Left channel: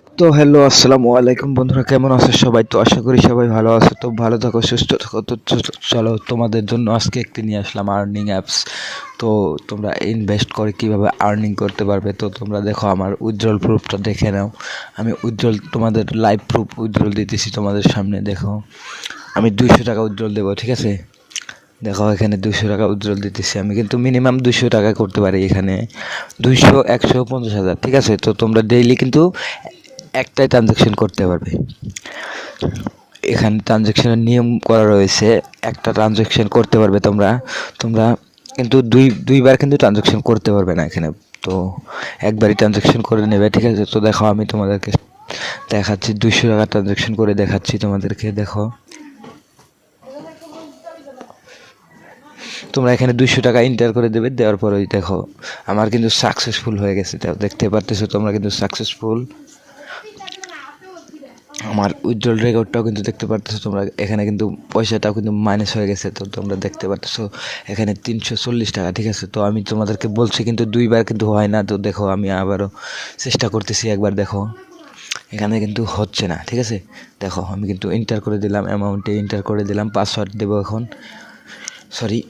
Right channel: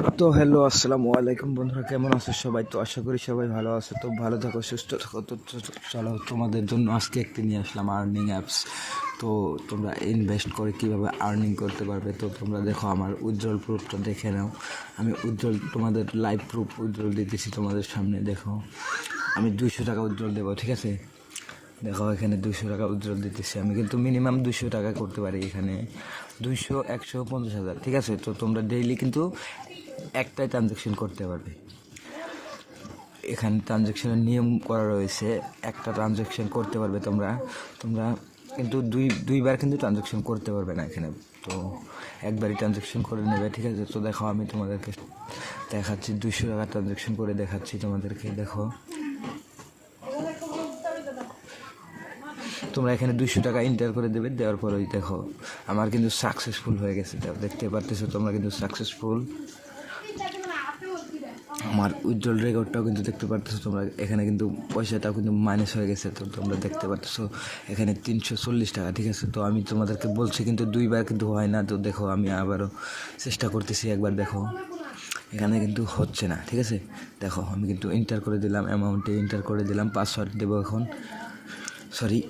তো হ্যালো আসসালামু আলাইকুম বন্ধুরা, কেমন আছো সবাই? তো আশা করি সবাই ভালো আছো। তো ভালো থাকো, সুস্থ থাকো। চলো তোমাদের জন্য আজকে একটি নিয়ে আসলাম আর্নিং অ্যাপস। তো তোমরা ইনভেস্ট করে কিভাবে আর্নিং করতে পারবে। তো তোমরা দেখো আমার উজ্জ্বল প্রুফটা দেখে নাও। আমি উজ্জ্বল তোমাদের লাইভ প্রুফ উজ্জ্বল দিতেছি তোমাদের সামনে। দেখো আমি 200 টাকা উজ্জ্বল দেবো, ঠিক আছে? দেখো এখানে 200 টাকা উজ্জ্বল দিতেছি আমি, কিন্তু মিনিমাম 200 টাকা করতে পারি এখানে। 200, 100, 50,000, ঠিক আছে? তো তোমরা ডেইলি কিন্তু একটাই ট্রানজ্যাকশন করতে পারবে। এখানে ট্রানজ্যাকশনের নিয়ম করা রয়েছে, একটা ট্রানজ্যাকশন করতে পারবে তোমরা তোমরা কিন্তু দুইবার কিন্তু ট্রানজ্যাকশন করতে পারবে না এখানে। তো একবারই ট্রানজ্যাকশন করে নেবে, ঠিক আছে? তো দেখো আমি তোমাদেরকে দেখাচ্ছি, 200 টাকা ট্রানজ্যাকশন করে দেখাচ্ছি তোমাদেরকে। দেখো তোমরা এখানে 200 টাকা এন্টার করে দেবে, দেওয়ার পরেই দেখো আমার কিন্তু সাকসেসফুল হয়ে গেছে। দেখতে পারতেছো তোমরা কিন্তু সাকসেসফুল। আমার উজ্জ্বল রেকর্ডটাও কিন্তু দেখতে পারতেছো তোমরা। এখানে কিন্তু পয়সাটাও কিন্তু মাইনাস হয়ে গেছে। তো তোমরা দেখতে পারতেছো এখানে 340 টাকা, ঠিক আছে? তো আমি তোমাদেরকে বলছি কিন্তু দুইবার কিন্তু হয় না। তো দেখো আমি আবারও চেষ্টা করতেছি একবার। দেখো এখানে কিন্তু হচ্ছে না, ঠিক আছে? দেখো আমি কিন্তু এন্টার করে দিলাম, অ্যামাউন্টে এন্টার করে দিলাম, পাসওয়ার্ড দেবো এখন। সরি,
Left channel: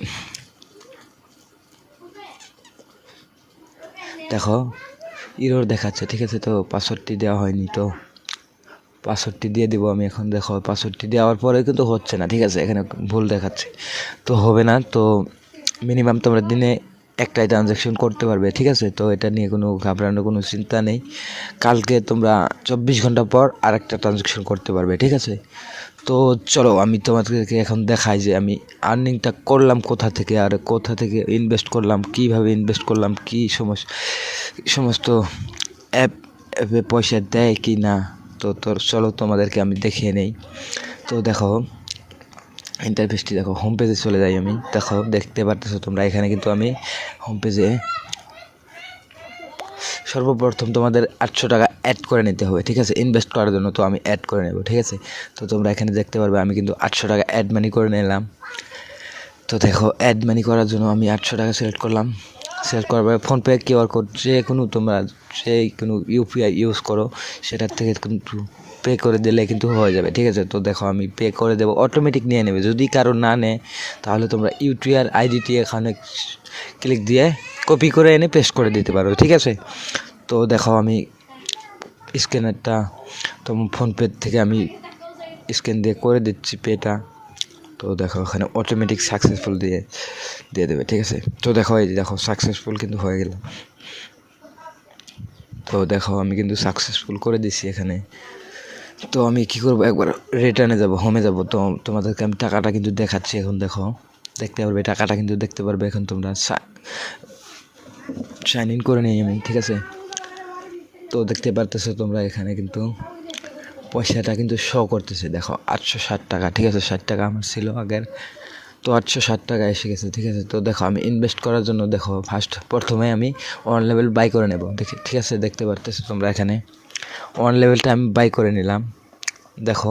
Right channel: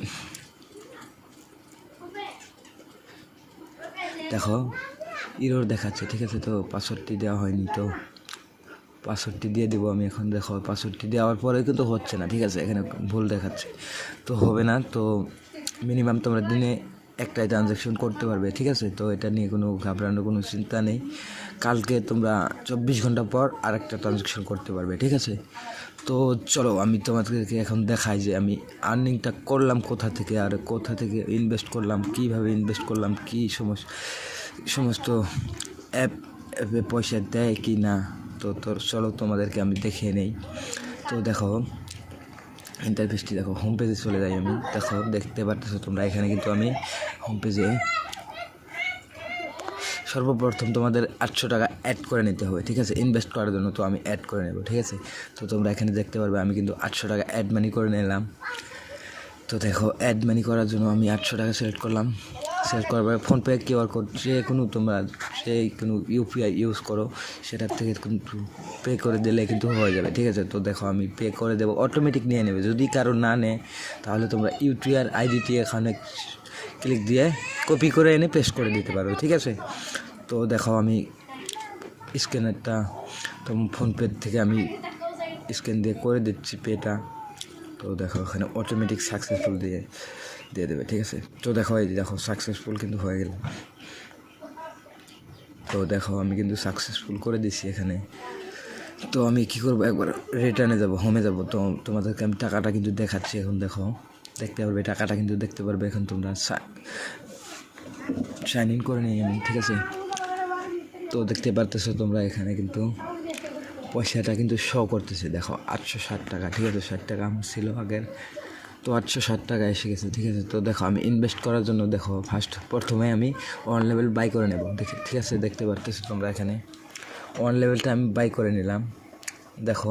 দেখো ইরর দেখাচ্ছে, ঠিক আছে? তো পাসওয়ার্ডটি দেওয়া হয়নি, তো পাসওয়ার্ডটি দিয়ে দেবো আমি এখন। দেখো পাসওয়ার্ডটি দেওয়ার পরে কিন্তু হচ্ছে না, ঠিক আছে? এখানে ভুল দেখাচ্ছে, তো হবে না। তো মিনিমাম তোমরা দিনে একটাই ট্রানজ্যাকশন করতে পারবে, ঠিক আছে? তো এটা নিয়ে কোনো ঘাবড়ানোর কোনো চিন্তা নেই। কালকে তোমরা 24 ঘন্টা পর আরেকটা ট্রানজ্যাকশন করতে পারবে, ঠিক আছে? তো চলো আমি তোমাদেরকে এখন দেখাই যে আমি আর্নিংটা করলাম কোথা থেকে, আর কোথা থেকে ইনভেস্ট করলাম, কীভাবে ইনভেস্ট করলাম, কী সমস্ত অ্যাপ অ্যাপে পয়সা দেয় কি না। তো চলো তোমাদেরকে আমি দেখিয়ে নেই। তো দেখো ইন্টারফেসটি দেখো, হোম পেজে চলে যাই আমি। দেখো দেখতে পারতেছো তোমরা এখানে কিন্তু আমি হোম পেজে সর্বপ্রথম তোমাদের 800 টাকা অ্যাড করে নিতে হবে, ঠিক আছে? ইনভেস্ট করার জন্য। তো আমি অ্যাড করে নেব, ঠিক আছে? তো তোমরা এখানে দেখতে পারবে আমি কিন্তু 800 টাকা অ্যাড মানি করে নিলাম। তো দেখো অ্যাড মানি করার জন্য আমি 800 টাকা সিলেক্ট করলাম। সিলেক্ট করার পরে ফোনপে কিউআর কোড যে কোনো তোমরা কোনো ইউপিআই ইউজ করো, সেটার থেকে কিন্তু পে করে দিলে কিন্তু হয়ে যাবে, ঠিক আছে? তো দেখো আমি পে করে দেবো, অটোমেটিক নিয়ে নেবে। যদি কারো না নেয় তাহলে তোমরা ইউটিআর আইডিটি এখানে ক্লিক দিয়ে কপি করে এনে পেস্ট করে দিতে পারো, ঠিক আছে? তো দেখো আমি স্ক্যানারটা তোমার ফোনপে থেকে আমি স্ক্যান দিয়ে করে দিচ্ছি পেটা। তো দেখো ওখানে অটোমেটিক সাকসেসফুল দিয়ে দেবে, ঠিক আছে? তো দেখো এই দেখো সাকসেসফুল কিন্তু হয়ে গেল। তো দেখো আমি কিন্তু সাকসেসফুল করে দিছি এখানে। তো আমি কি করব, একবার রিটার্নে যাব, হোমে যাব। তো তোমাদেরকে আমি টাকাটা কিন্তু দেখাচ্ছি এখন। দেখো দেখতে পারবে টাকাটা কিন্তু দেখতে পারবে এখন তোমরা। সাইন ইন করে নিই আমি, ঠিক আছে? তো দেখতে পারতেছো তোমরা এখানে কিন্তু পয়সাটা কিন্তু শো করতেছে। দেখো 860 টাকা, ঠিক আছে? 60 টাকা আমার ছিল আগের, তো 860 টাকা এসে গেছে, ঠিক আছে? তো দেখো আমি ইনভেস্ট করার জন্য দেখো প্রথমে আমি 1 লেভেল বাই করে নেব, দেখি, ঠিক আছে? দেখতে পারতেছো তোমরা এখানে 1 লেভেলটা আমি বাই করে নিলাম। দেখো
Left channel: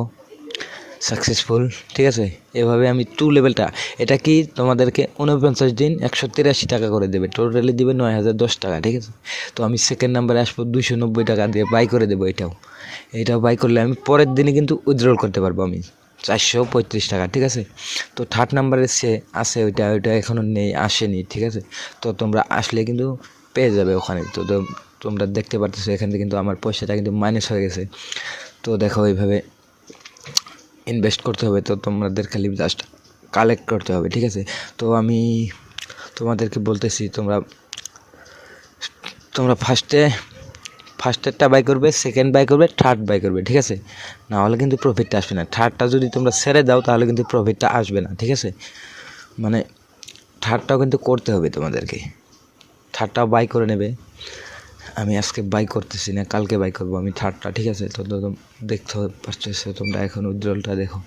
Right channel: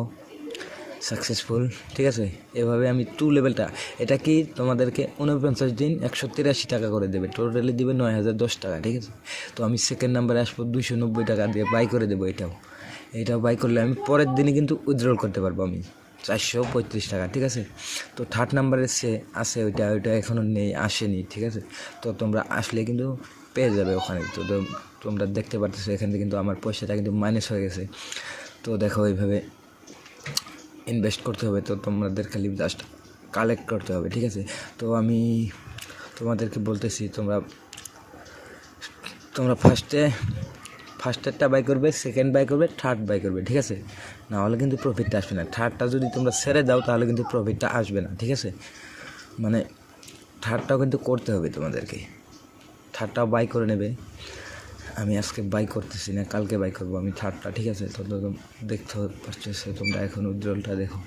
সাকসেসফুল, ঠিক আছে? এভাবে আমি 2 লেভেলটা, এটা কি তোমাদেরকে 49 দিন 183 টাকা করে দেবে, টোটালি দিবে 9010 টাকা, ঠিক আছে? তো আমি সেকেন্ড নাম্বারে আসবো, 290 টাকা দিয়ে বাই করে দেবো। এটাও বাই করলে আমি পরের দিনই কিন্তু উইথড্রল করতে পারবো আমি 435 টাকা, ঠিক আছে? তো থার্ড নাম্বারে সে আছে, ওইটা এখনও আসেনি, ঠিক আছে? তো তোমরা আসলে কিন্তু পেয়ে যাবে ওখানে। তো তোমরা দেখতে পারতেছো এখান থেকে কিন্তু আমার পয়সাটা কিন্তু মাইনাস হয়ে গেছে। তো দেখো এইভাবে ইনভেস্ট করতে হবে। তো তোমাদের খালি জাস্ট কালেক্ট করতে হবে, ঠিক আছে? তো আমি তোমাদেরকে বলতেছি, তোমরা ফার্স্টেরটা বাই করবে, সেকেন্ড বাই করবে, থার্ড বাই করবে, ঠিক আছে? না হলে কিন্তু প্রফিটটা আসবে না। থার্ডটা যদি তোমরা ছেড়ে দাও তাহলে কিন্তু প্রফিটটা আসবে না, ঠিক আছে? মানে থার্ডটাও কিন্তু করতে হবে তোমাদেরকে, থার্ডটাও বাই করে নেবে। আমি আজকে বাই করতেছি না, কালকে বাই করবো আমি থার্ডটা, ঠিক আছে? তো দেখতে পারতেছো তোমরা এখন উইথড্রলটা দেখো।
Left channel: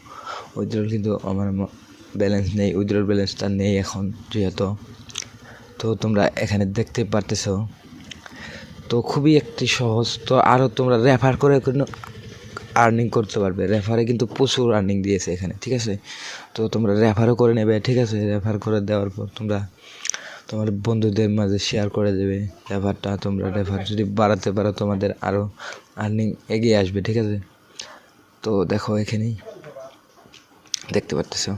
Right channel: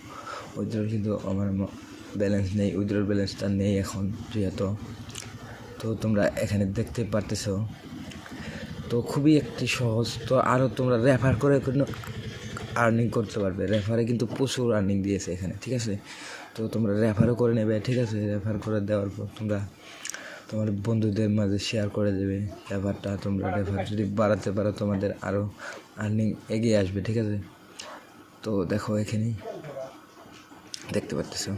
উইথড্রল কিন্তু আমার ব্যালেন্স নেই, উইথড্রল ব্যালেন্সটা নেই এখন যেহেতু। তো তোমরা এখানে দেখতে পারতেছো। তো খুবই একটি সহজ। তো আরও তোমরা রেফার করে কোনো আর্নিং করতে পারবে। রেফারে কিন্তু প্রচুর আর্নিং দিয়েছে এখানে, ঠিক আছে? তো তোমরা রেফারও করে নেবে, ঠিক আছে? রেফার করে দেওয়ার পর তোমরা তোমার বন্ধুদের মাঝে শেয়ার করে দেবে রেফারটা। তোমরা রেফার যদি বাড়াতে পারো তোমাদের আরও আর্নিং এগিয়ে আসবে, ঠিক আছে। তো দেখো এখানেই দেখতে পারতেছো